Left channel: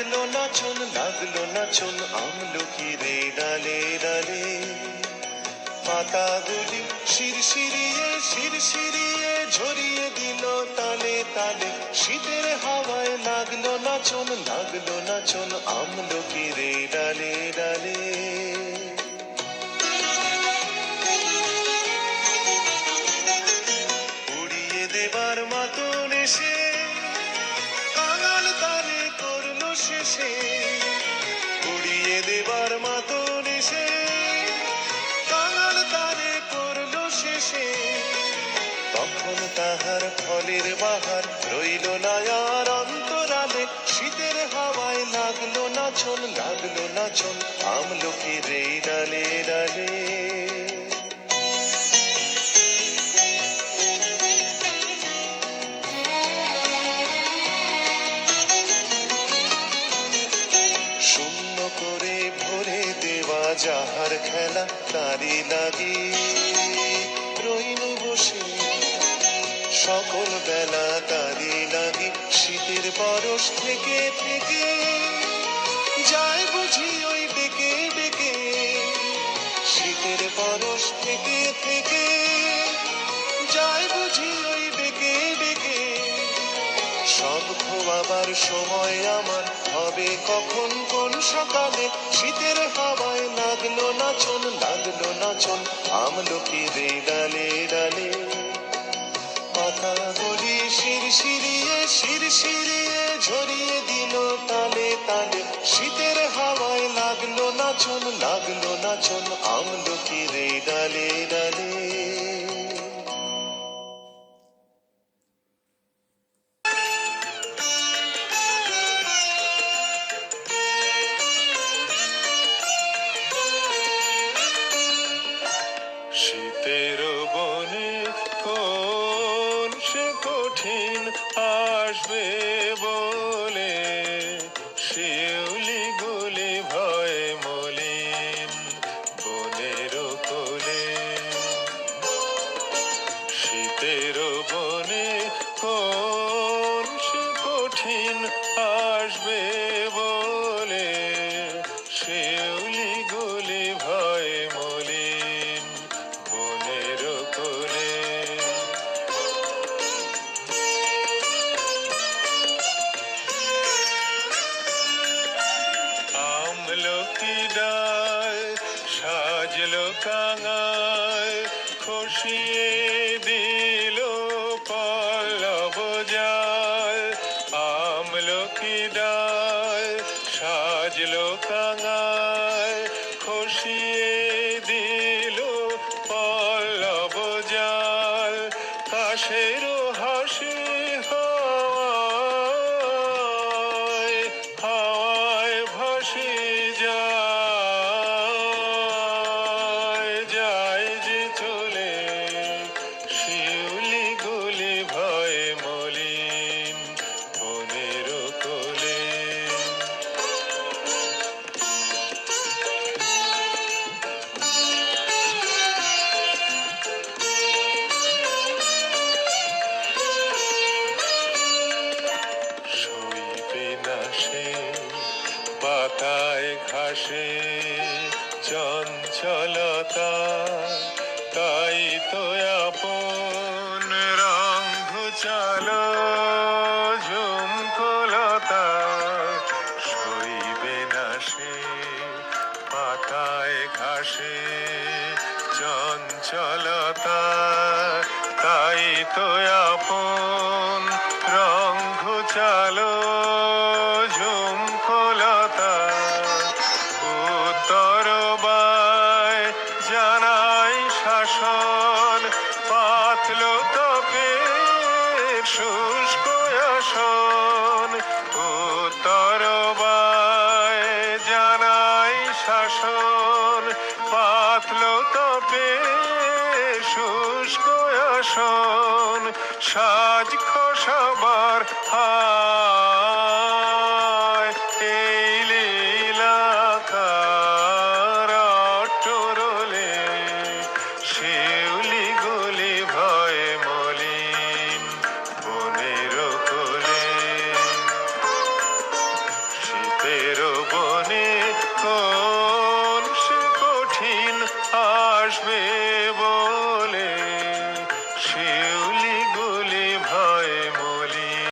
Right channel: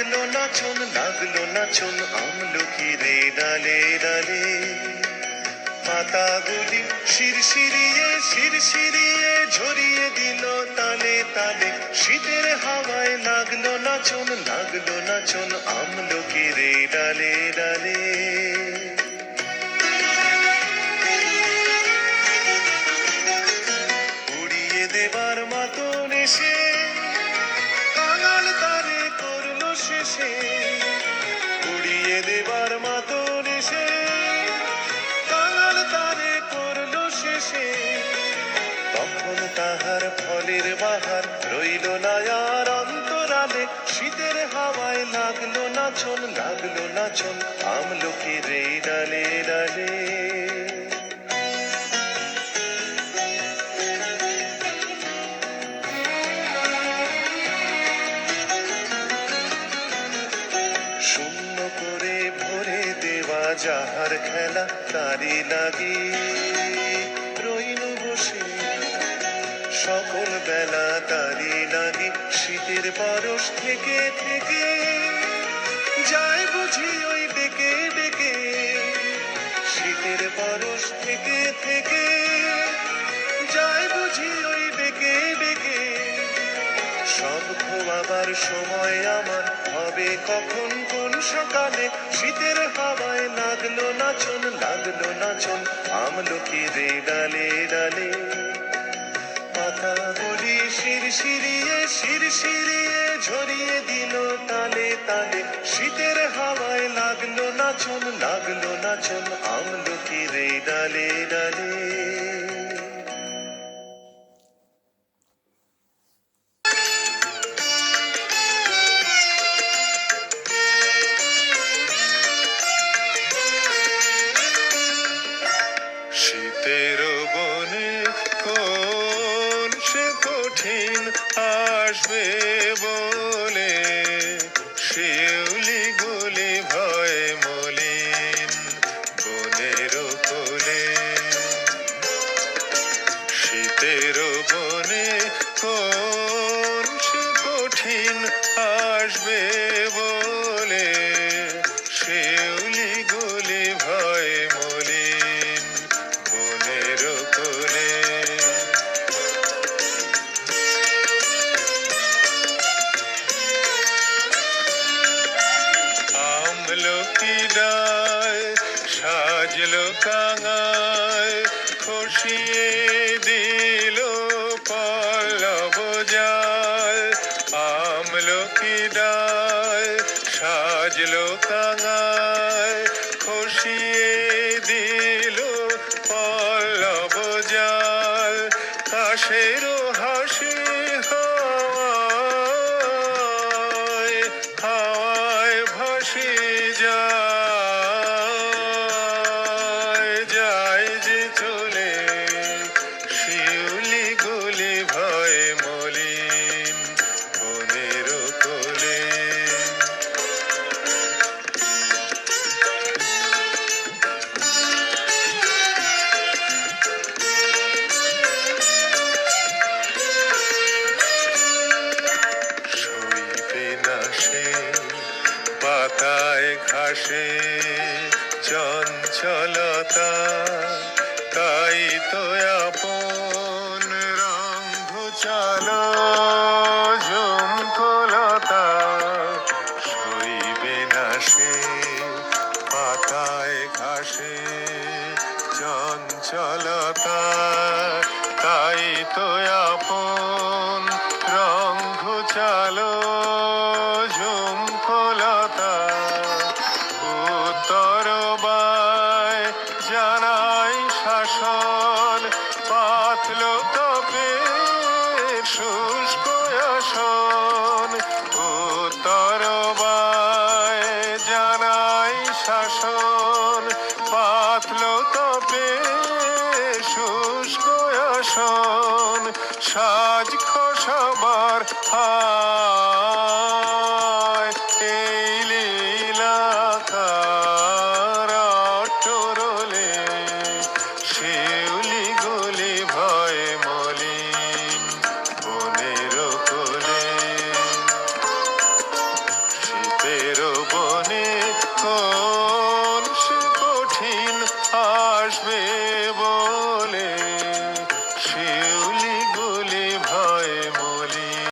লাগলো নাচন আমলকির ডালে ডালে। পাতাগুলি শিরশিরিয়ে ঝরিয়ে দিল তালে তালে। শীতের হাওয়ায় লাগলো নাচন আমলকির ডালে ডালে। উড়িয়ে দেবার মতন এসে কাঙাল তারে করলো শেষে। উড়িয়ে দেবার মতন এসে কাঙাল তারে করলো শেষে। তখন তাহার ফলের বাহার রইল না আর অন্তরালে। শীতের হাওয়ায় লাগলো নাচন আমলকির ডালে ডালে। শূন্য করে ভরে দেওয়া যাহার খেলা তারি লাগি রইল বসে। সকল বেলা তারি লাগি শীতের পরশ থেকে থেকে যায় বুঝি ওই ডেকে ডেকে। শীতের পরশ থেকে থেকে যায় বুঝি ওই ডেকে ডেকে। সব খোয়াবার সময় আমার হবে কখন কোন সকালে। শীতের হাওয়ায় লাগলো নাচন আমলকির ডালে ডালে। পাতাগুলি শিরশিরিয়ে ঝরিয়ে দিল তালে তালে। শীতের হাওয়ায় লাগলো নাচন আমলকির ডালে ডালে। শীতের বনে কোন সে কঠিন আসবে বলে। শিউলি গুলি ভয় মলিন বনের কোলে। শীতের বনে কোন সে কঠিন আসবে বলে। শিউলি গুলি ভয় মলিন বনের কোলে। আমলকি ডায় সাজলো কাঙায় খসিয়ে দিল পল্লব যায়। আমলকি ডায় সাজলো কাঙায় খসিয়ে দিল পল্লব যায়। কাশেরও হাসি হাওয়ায় ভাসি যায় যে চলে। শিউলি গুলি ভয় মলিন বনের কোলে। শুইবে না সে পাতায় ঘাসে চঞ্চলতা। তাই তো আপন রং ঘুচালো ঝুমকোলতা। শুইবে না সে পাতায় ঘাসে চঞ্চলতা। তাই তো আপন রং ঘুচালো ঝুমকোলতা। উত্তর বায় জানাই শাসন পাতল তপের শুষ্ক আসন। উত্তর বায় জানাই শাসন পাতল তপের শুষ্ক আসন। সাজ খসাবার